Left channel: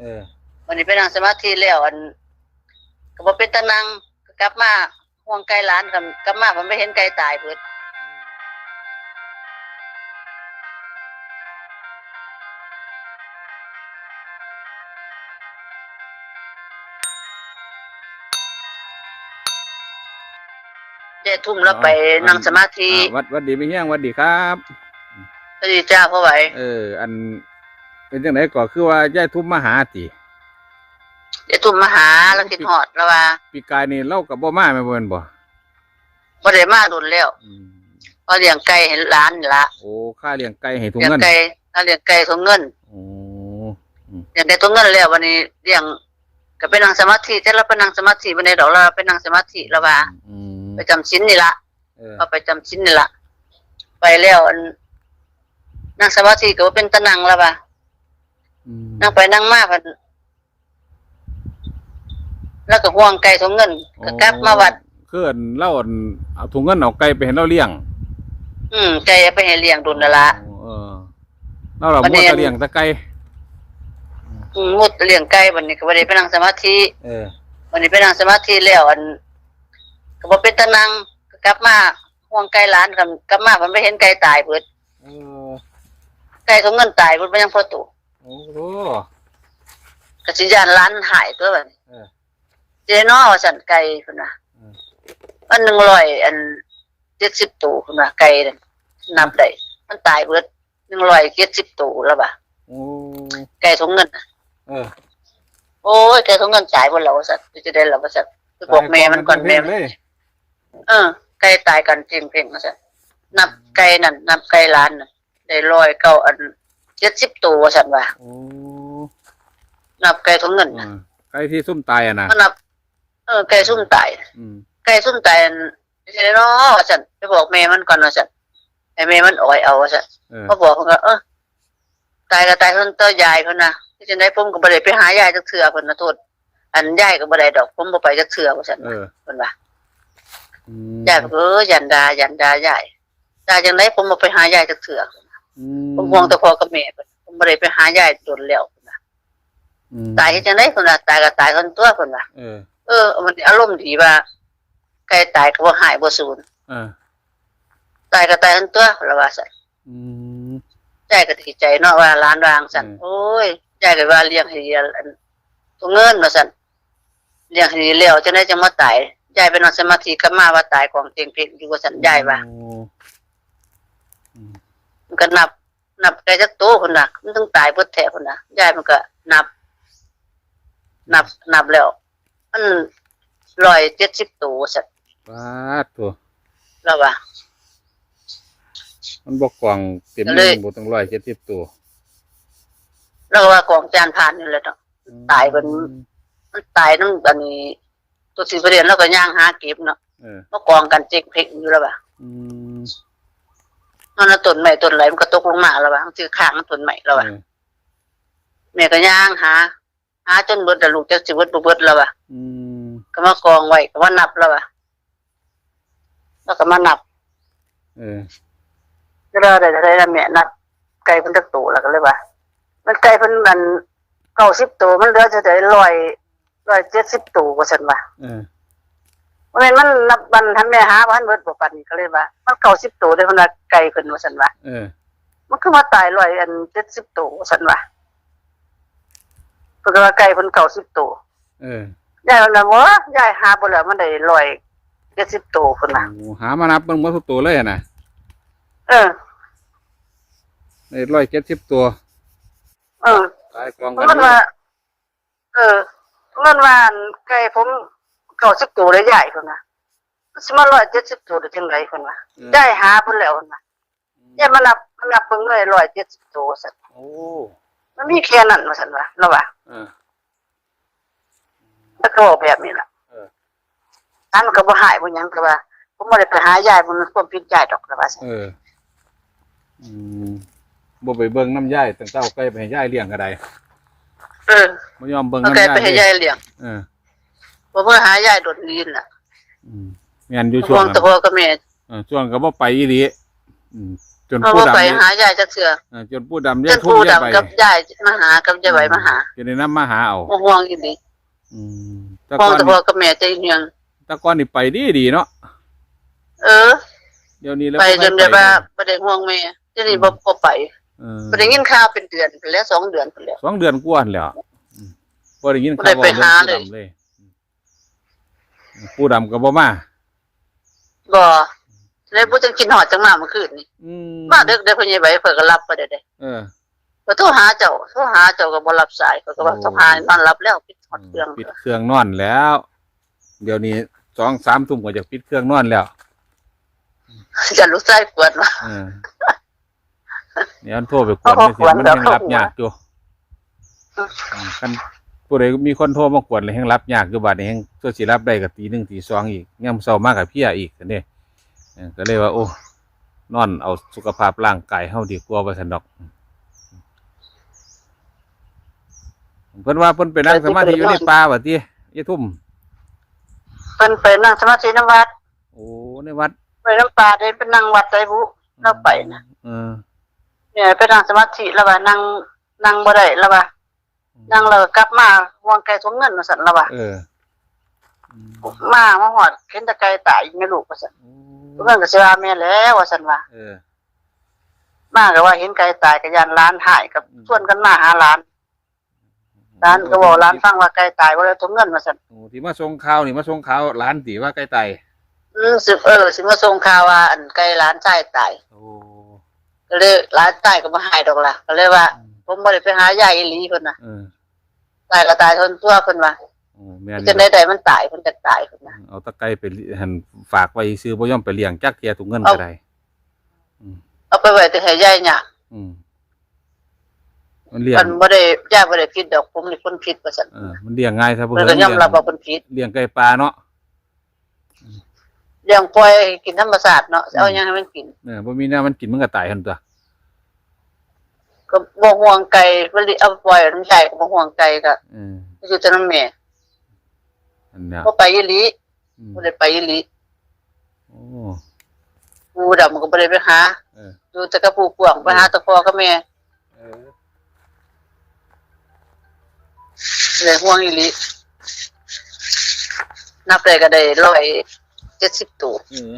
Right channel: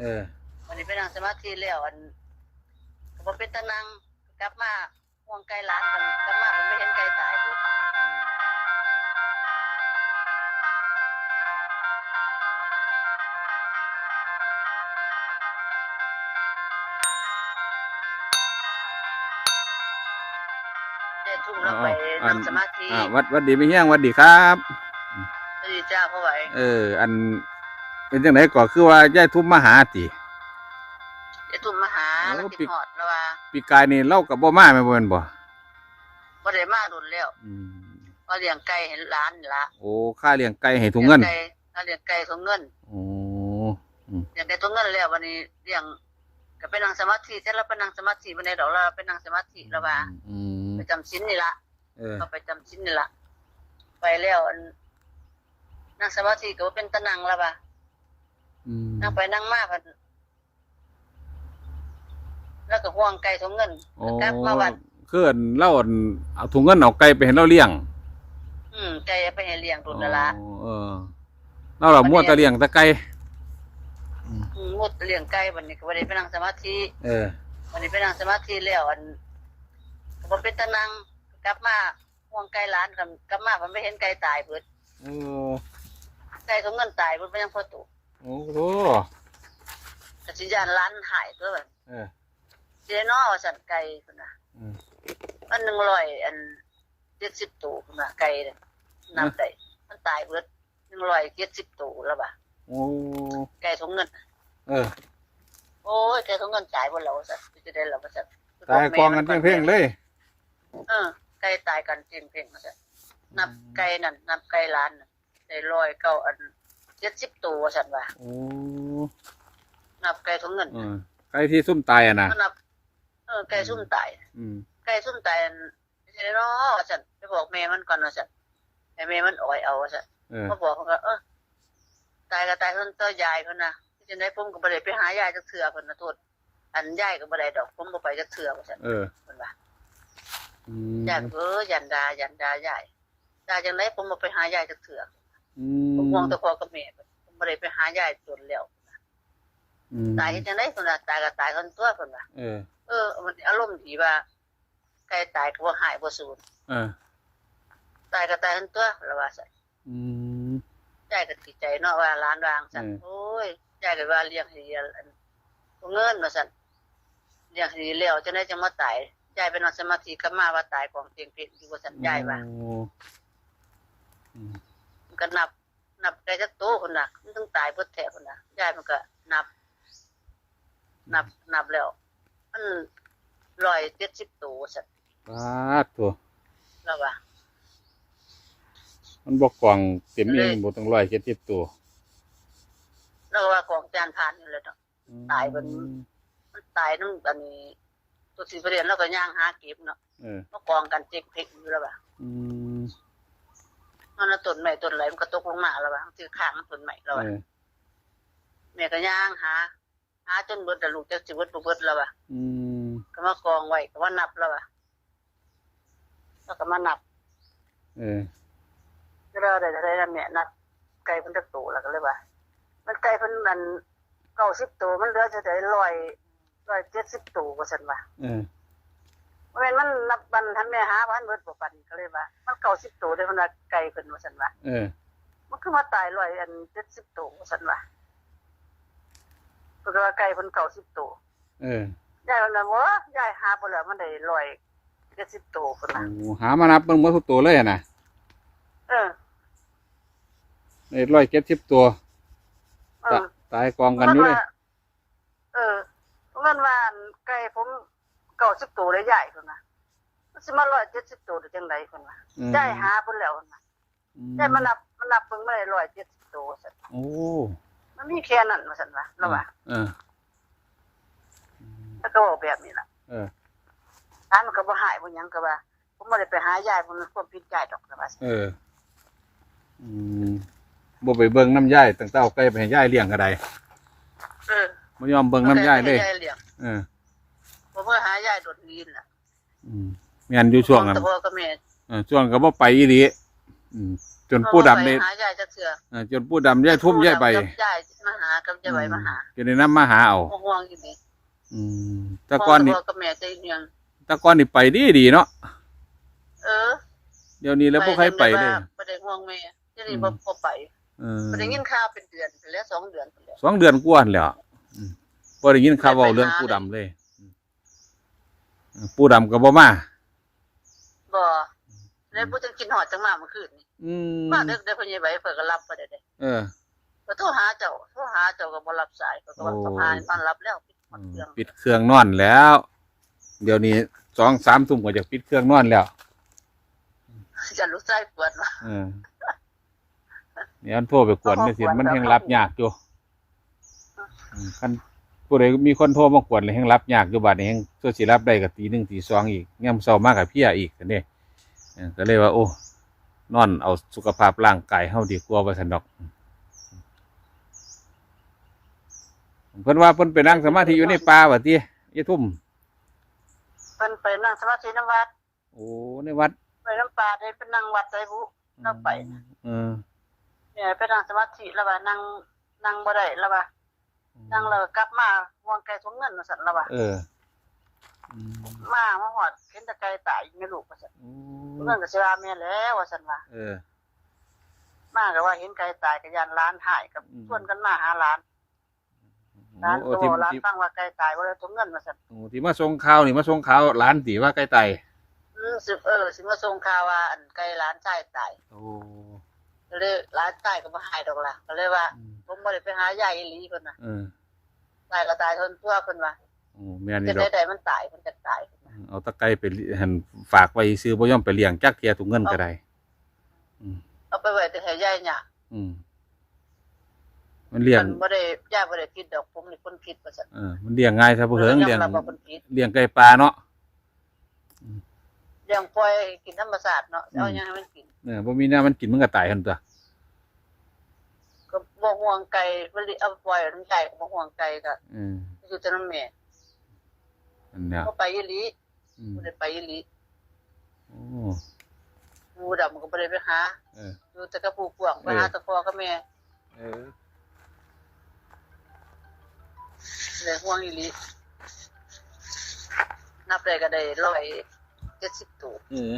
เออ วันนี้ไปนั่งสมาธิแล้วอันก็บ่เป็นตะนังก็กลับมาห่วงไก่หลานกันกลับมาผมไม่เห็นไก่ตายเบิดเจ็ดทุ่มแล้วไปนั่งสมาธิอ่าวัดวัดดีไม่เฮี้ยงวัดดีครับพอดีจ้าพ่อไหว เออ อัน เป็นจังไดก็คือว่ายายทุบมาหาติเจ็ดทุ่มมาหาแล้วคิดฮอดแล้วว่าปีกายนี่เล่ากับบ่มาแม่นบ่แม่นบ่บ่ได้มาโดนแล้วอืมพอเลี้ยงไก่เห็นหลานนี่ละโอ้ค่าเลี้ยงไก่ให้ถุงเลี้ยเงิงนไก่ถ้าเลี้ยงไก่ถุงเงินโอ้เลี้ยงไก่ถุงเงินแล้ววันนี้เลี้ยงก็ไปนั่งสมาธิแต่เราไปนั่งสมาธิบ่ได้ดอกเราไปนั่งสมาธิแล้วว่าอืมไปจำชิ้นนี่ละ เออเอาไปจำชิ้นนี่ละไปแล้วอันนั่งสมาธิก็บ่เป็นตะนังแล้วว่าอืม นั่งไปนั่งมาพันแล้วก็ห่วงไก่ถุงเงินก็กลับมาวัดคืออันเล่าอันเอาถุงเงินเอาไก่ไปให้เราเลี้ยง อืมไก่เอาไปให้เลี้ยงดุนนั่นละอ๋อเออเราเราประเด็นมั่วแตะเลี้ยงแตะไก่อืมมุดเลี้ยงไก่วันนี้ก็บ่ได้ไปนั่งสมาธิเออวันนี้ไปนั่งสมาธิแล้วอันก็บ่เป็นตะนังก็กลับมาห่วงไก่หลานกันกลับมาผมไม่เห็นไก่ตายเบิดโอ้ไก่ของเงินตายเบิดบ่ยังพอตู่โอ้โหก็สิย่านหล้านหายตัวบัดนี้เออ เจนอว่าสั่นไก่พุ่นน่ะอืมอัน100อัน70ตัวพุ่นน่ะไก่นั่นนับได้มันตายเบิด170ตัวแล้วบ่ะโอ้ไก่ของเงินน่ะเออโอ้ยไก่ของเงินตายบ่แล้วว่าสั่นจะได้แล้วว่าสั่นไปบอกแม่มันก่อนเพลแม่งมัน เลย เออไก่ตายกันจริงเพ่งว่าซั่นนับไก่นั่นนับไก่ล้านน่ะได้ร้อยเก้าอัน 70ตัวว่าซั่นว่าโอ้นับไก่ถุงเงินเอน่ะอไก่ที่ซุ่มตายอะนะมันนับ เออไก่ซุ่มตายอืมไก่ซุ่มตายอันสิได้เนาะว่าซั่นไปบอกแม่มันก่อนว่าซั่นให้แม่มันอ่อยเอาว่าซั่นเออพอบอกเพิ่นก็เออตายก็ตายเพิ่นเตอยายเพิ่นน่ะที่จังได๋ผมก็บ่ได้ไปหายายจักเทื่อเพิ่นน่ะโทษอันยายก็บ่ได้ดอกผมบ่ไปจักเทื่อว่าซั่นเออเพิ่นว่าอืมยายก็เออยันดายันดายายตายจังได๋ผมบ่ไปหายายจักเทื่ออื ผมห่วงแต่พ่อกับแม่เพิ่นผมบ่ได้ไปหายายโดนแล้วเพิ่นว่าอืมตายเฮ็ดจังได๋เพิ่นว่าตายก็ตายคนตัวเพิ่นว่าเออ เออ มันอารมณ์ดีว่าใกล้ตายก็บ่หายบ่สูญเออตายก็ตายคนตัวแล้วว่าซั่นอืมยายก็ดีใจเนาะว่าหลานวางซั่นอืมโอ้ยยายก็ว่าเลี้ยงให้ดีอันตัวเงินว่าซั่นเลี้ยงให้ดีแล้วจังได๋จังมาตายยายไปนอนสมาธิกลับมาว่าตายของเตียงเพ่งอยู่ว่าซั่นยายว่าโอ้อื มมันก็นับ นับไกลจักโตพุ่นน่ะมันต้องตายเบิดแท้พุ่นน่ะยายมันก็นับ นับนับแล้ว มัน170ตัวซั่นปาดตัวแล้วว่า มันบอกกล่องเต็มก็เลเลย ยบตั้งร้อยเจ็ดสิบตัวแล้วก็ว่ากองจานผ่านนี่แหละเนาะ ตายบนมันตายนั่นอันนี้ ตัวสิบเรียนแล้วก็ย่างหาเก็บเนาะเออมากองกันเจ๊กเพกอยู่แล้วบ่ะอืม นั่นนะต้นใหม่ต้นไหลมันก็ตกลงมาแล้วบ่ะมันถือข้างต้นใหม่แล้วบ่ะเออแม่ก็ย่างหาหาจนเบิดแต่ลูกจักสิเบิดบ่เบิดแล้วบ่ะอืมก็มากองไว้ก็มานับแล้วบ่ะแล้วก็มานับ เออก็ได้ได้ได้แล้วแม่นับไก่เพิ่นจักตัวแล้วก็เลยว่า มันไก่เพิ่นมัน90ตัวมันเหลือจะได้100 170ตัวว่าซั่นว่าเอ อว่าแม่นมันนับบันทันแม่หาบ้านเบิดบ่ปันก็เลยว่า มัน90ตัวได้เพิ่นว่าไก่เพิ่นว่าซั่นว่าเออ มันคือมาตายร้อยอัน70ตัวว่าซั่นว่าเพิ่นก็ว่าไก่เพิ่น90ตัวเออยายมันว่าบ่ยายหาบ่แล้วมันได้ร้อย70ตัวเพิ่นน่ะโอ้หามานับเบิ่งหมดทุกตัวเลยอะนะเออในร้อยเจ็ดสิบตัว เออตายกองกันมันเลว่ายเออมันว่าอันไก่ผม 90ตัวได้ยายเพิ่นน่ะมันสิมา170ตัวได้จังไดเพิ่นว่าเออยายหาเพิ่นแล้วเพิ่นน่ะยายมานับมานับเบิ่งเลย170ตัวว่าซั่นโอ้มันมีแค่นั้นว่าซั่นว่าแล้วว่าเออ แล้วก็บอกแบบนี้ล่ะเออ อันมันก็บ่หายบ่หยังก็ว่าผมบ่ได้ไปหายายมันความผิดยายดอกแล้วว่าซั่นเอออืมบ่ไปเบิ่งน้ำย่ายตั้งแต่เอาไก่ไปให้ย่ายเลี้ยงก็ได้เออบ่ยอมเบิ่งมันน้ำก็ย่ายไปให้เลยยายเลี้ยง เออ บ่เพิ่นหายายโดดลีนน่ะอืมแม่นอยู่ช่วงห่นั้นแต่พ่อกับแม่เออช่วงก็บ่ไปอีหลีอืมจนเพราะผู้ว่าดำไปนี่หายายจักเทื่อเออจนผู้ดำยายทุ่มยายไปกับยายมาหากับยายใบมาหาจนได้นำมาหาเอาบ่ห่วงอีหลีอืมแต่พ่อก่อนตะนี่พ่อกับแม่ใจเฮียงแต่ก่อนนี่ไปดีดีๆเนาะเออ เดี๋ยวนี้แล้วไปบ่ใครจนไปได้เลว่ายบ่ได้ห่วงแม่ทีนี้บ่บ่ไปเออบ่ได้ยินข่าวเป็นเดือนไปแล้วสองเดือนไปแล้วสองเดือนกว่าหั่นแหล้วอืมบ่ได้ยินข่าวบ่เว้าได้ไปเรื่องหาผู้เลยดำเลย อืมผู้ดำก็บ่มา บ่เลยบ่จังกินฮอดจังมาเมื่อคืนนี่อืมมาดึกได้พ่อใหญ่ใบเพิ่นก็รับบ่ได้เด้เออก็โทรหาเจ้าโทรหาเจ้าก็บ่รับสายเพิ่นก็ว่าโอ้สภานอนรับแล้วปิดฮอดเครื่องปิดเครื่องนอนแล้ว เดี๋ยวนี้สองสามทุ่มก็จะปิดเครื่องนอนแล้ว จะรู้ใจปวดว่า เออเนี่ยอันโทรไปกวนไม่สิมันยังรับยากอยู่อืมคัน ผู้ใดมีคนโทรมากวนเลยยังรับยากอยู่บัดนี้ยังตัวสิรับได้กับตีหนึ่งตีสองอีกย่ำเศร้ามากกับพี่อีกอันนี้เออก็เลยว่า โอ้นอนเอาสุขภาพร่างกายเฮาดีกว่าว่าสันดอกเพิ่นว่าเพิ่นไปนั่งสมาธิอยู่ในป่าว่าติยายทุ่มเพิ่นไปนั่งสมาธินวัด โอ้ในวัด ไปน้ำปลาได้ไปนั่งวัดได้บุเราไปนะเออเนี่ยไปนั่งสมาธิแล้วว่านั่งนั่งบ่ได้แล้วว่า นั่งแล้วก็กลับมาห่วงไก่ทวงเงินว่าซั่นแล้วว่าเอออืมมามาฮอดเห็นแต่ไก่ตายแม่ลูกว่าซั่นโอ้เพิ่นก็สิว่าแม่แล้วว่าซั่นว่าเออ มาก็ว่าเห็นไก่ตายก็ย่านร้านหายกับอืมชวนกันมาหาร้านร้านก็บอกร้านฟังว่าไก่ตายบ่ได้ทวงเงินว่าซั่นโอ้ที่มาส่งข่าวนี่มาส่งข่าวร้านตีว่าใกล้ไตอืมสิเออสิมาส่งข่าวว่าอันไก่ร้านชายตายโอ้ก็เลยร้านตายก็บ่หายดอกล่ะก็เลยว่า ผมบ่ได้ไปหายายอีหลีเพิ่นน่ะเออตายก็ตายทนตัวเพิ่นว่าโอ้แม่นจะนี่ได้ดอกใดมันตายเพิ่นจะตายเพิ่นน่ะ เอาตะไคร้ไปหันฝากไว้ซื้อบ่ย่อมไปเลี้ยงจักเทียถุงเงินก็ได้เอาไปไว้แต่ให้ยายเนี่ยอืมมันเลี้ยงมันบ่ได้ยายบ่ได้ผิดดอกผมนี่คนผิดว่าซั่นเออมันเลี้ยงง่ายครับเพิ่เพิ่นนก็เลี้ยยองมรับว่าเพิ่นผิดเลี้ยงไก่ปลาเนาะ เลี้ยงปล่อยให้กินธรรมชาติเนาะเอาหยังให้มันกิน เออบ่มีแนวมันกินมันก็ตายหั่นตัว ก็บ่ห่วงไก่บ่ได้เอาปล่อยน้ำใจก็บ่ห่วงไก่ก็อืมอยู่แต่น้ำแม่อันเนี้ยบ่ไปอีหลีอืมบ่ได้ไปอีหลีโอ้ปูดำก็บ่ได้ไปหาเออ อยู่แต่กับปู่ปวงไปหาแต่พ่อกับแม่เออเลยห่วงอีหลีนับได้ก็ได้170ตัวเออ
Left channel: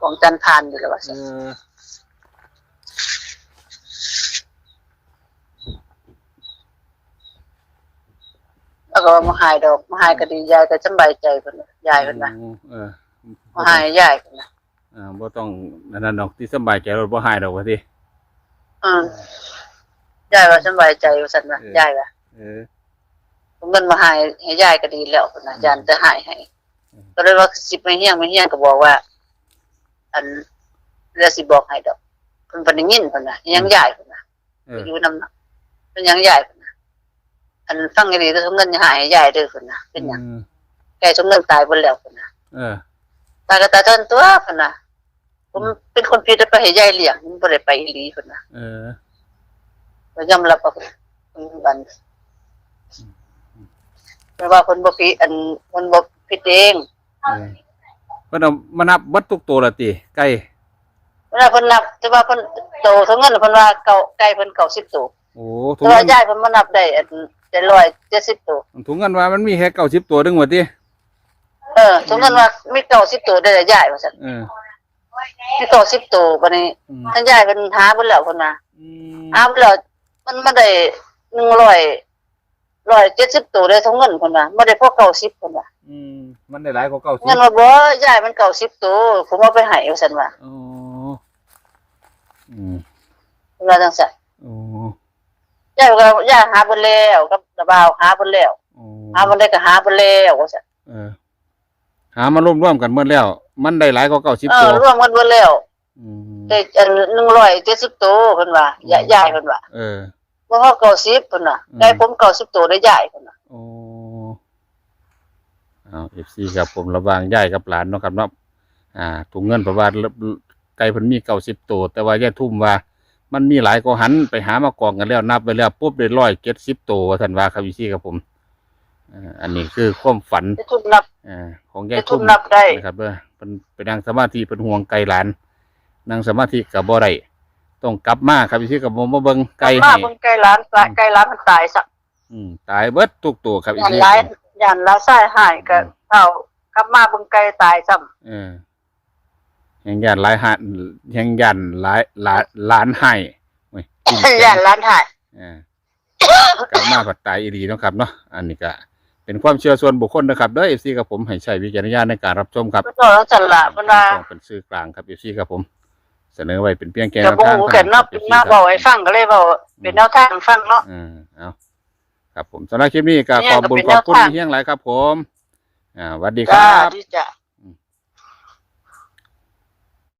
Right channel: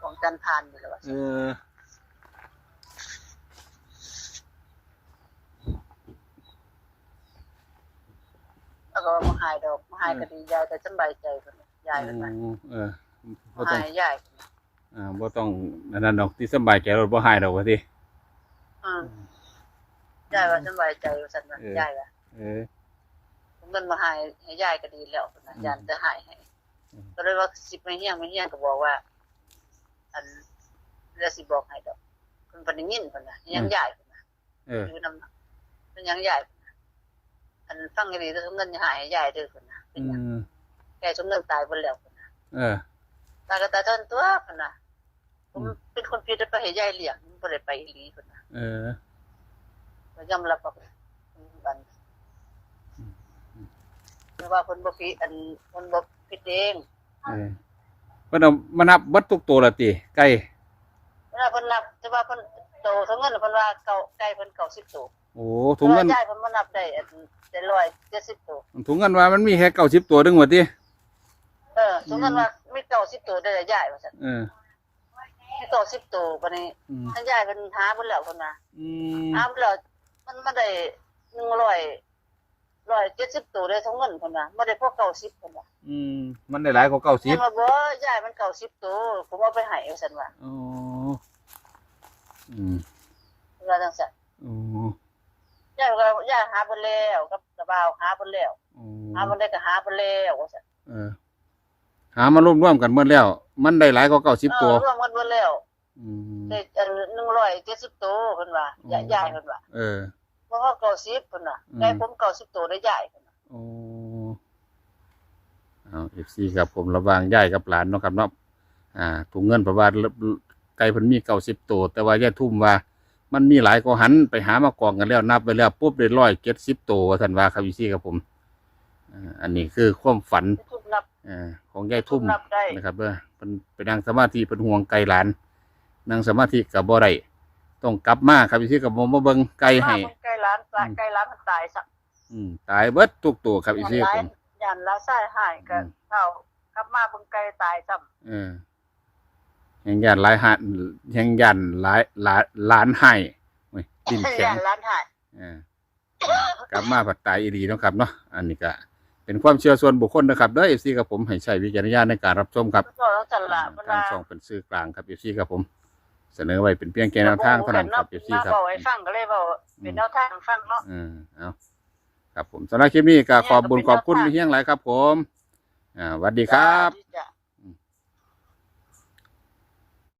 ของจันทานอยู่แล้วว่าเอซั่นอแล้วก็ว่าบ่หายดอกบ่หายก็ดียายก็สำบายใจเพิ่นน่ะยายเพิ่นว่าเออบ่หายยายเพิ่นน่ะอ่าบ่ต้องอันนั้นดอกที่สำบายใจรถบ่หายดอกว่าติ อืมยายว่าสำบายใจว่าซั่นว่าเออ ยายว่าเออ เงินมาให้ให้ยายก็ดีแล้วพุ่นน่ะอืม ยานจะให้ให้อืมก็เลยว่าสิไปเฮียงไปเฮียงก็บอกว่า อันเรือสิบอกให้ดอกเพิ่นบ่ได้ยินพุ่นน่ะยังยายพุ่นน่ะเอออยู่นำน่ะเป็นยังยายพุ่นน่ะอันฟังให้ดีเด้อเงินจะให้ยายเด้อพุ่นน่ะเป็นหยังอืมแกสมเงินตายเบิดแล้วพุ่นน่ะเออ ตายก็ตายเท่านั้นตัวพุ่นน่ะผมเป็นคนผิดไปให้ยายเลี้ยงผมบ่ได้ไปอีหลีพุ่นน่ะ เออ ก็ยอมรับว่าเพิ่นบันแต่ว่าคนบ่ผิดอันคนบ่ผิดเองเออ เพิ่นเอามานับเบัดทุกตัวละติไก่เวลาเพิ่นนับแต่ว่าเพิ่นโตเท่าเงินเพิ่นว่าเก่าไก่เพิ่นเก่า10ตัวโอ้ถุแต่งว่าเงินยายเพิ่นมานับได้อันได้ร้อยเจ็ดสิบตัวถุงเงินว่ามันมีแค่เก้าสิบตัวดึงว่าติเออเท่าเงินว่ามีเก่าสิบตัวได้แต่ยายว่าซั่นเออ มีเก่าสิบตัวบัดนี้อืมท่านยายเพิ่นหาเพิ่นแล้วเพิ่นว่าอืมหาเพิ่นแล้วมันมาได้ 100 170ตัวได้เท่าเงินเพิ่นว่าบ่ได้พอเก่า10เพิ่นว่าอืมมันได้หลายกว่าเก้าสิบเงินว่าบ่ยายมันเก่า10ตัวผมเอาไปให้ว่าซั่นว่าอ๋ออืมเพิ่นว่าจังซั่นโอ้ยายก็ยายหาเพิ่นแล้วกับตะบ่าวหาเพิ่นแล้วโอ้หาเพิ่นได้ก็หาเพิ่นแล้วว่าซั่นเออ หามารวมร่วมๆกันหมดแล้ว มันได้หลายกว่าเก้าสิบเอตัอวรวมกันเบิดแล้วอืมได้อัน170ตัวเพิ่นว่ายายยายเพิ่นว่าเออ บ่ฮอดเก้าสิบพุ่นน่ะอืมได้ผมเก้าสิบตัวได้ใหญ่พุ่นน่ะโอ้เอาเอฟซีครับผมระหวางย่ายกับหลานเนาะครับเนาะอ่าถุงเงินประวัติไก่เพิ่นมีเก้าสิบตัว แต่ว่าย่ายทุ่มว่า มันมีหลายก็หันไปหามากองกันแล้วนับไปแล้วปุ๊บได้ร้อยเจ็ดสิบตัวว่าท่านว่าครับพี่ซีครับผมอ่าอันนี้คือความฝันได้ทุบนับอ่าของได้ย่ายทุทุ่บมนับได้นะครับเด้อเป็นไปนั่งสมาธิเป็นห่วงไก่หลานนั่งสมาธิกับบ่ได้ ต้องกลับมาครับพี่กับบ่มาเบิ่งไก่มาให้ เบิ่งไก่ร้านตายไก่ร้านมันตายซะอืมตายเบิดทุกตัวครับพี่ยันหลายยันละสายหายก็เอากลับมาเบิ่งไก่ตายซ้ำ เออแห่งยันหลายหันแห่งยันหลายหลายล้านให้โอ้ยจริงจังยันร้านหายเออกลับมาผัดตายอีดีเนาะครับเนาะอันนี้ก็เป็นความเชื่อส่วนบุคคลนะครับเด้อเอฟซีกับผมให้ใช้วิจารณญาณในการรับชมครับก็ต้องจันละเพิ่นว่าต้องเป็นสื่อกลางครับเอฟซีกับผม เสนอไว้เป็นเพียงแค่ก็แนวบ่ทางฮู้เท่ากันครัเนาะบเป็นมาเว้าให้ฟังก็เลยเว้าเป็นแนวทางฟังเนาะอืมเอาครับผมสำหรับคลิปนี้ก็เนี่ยขอบบุญก็ขเป็นอบคุณแนวทางเฮียงหลายครับ ผม อ่าสวัสดีคจ้ารับดีจ้ะ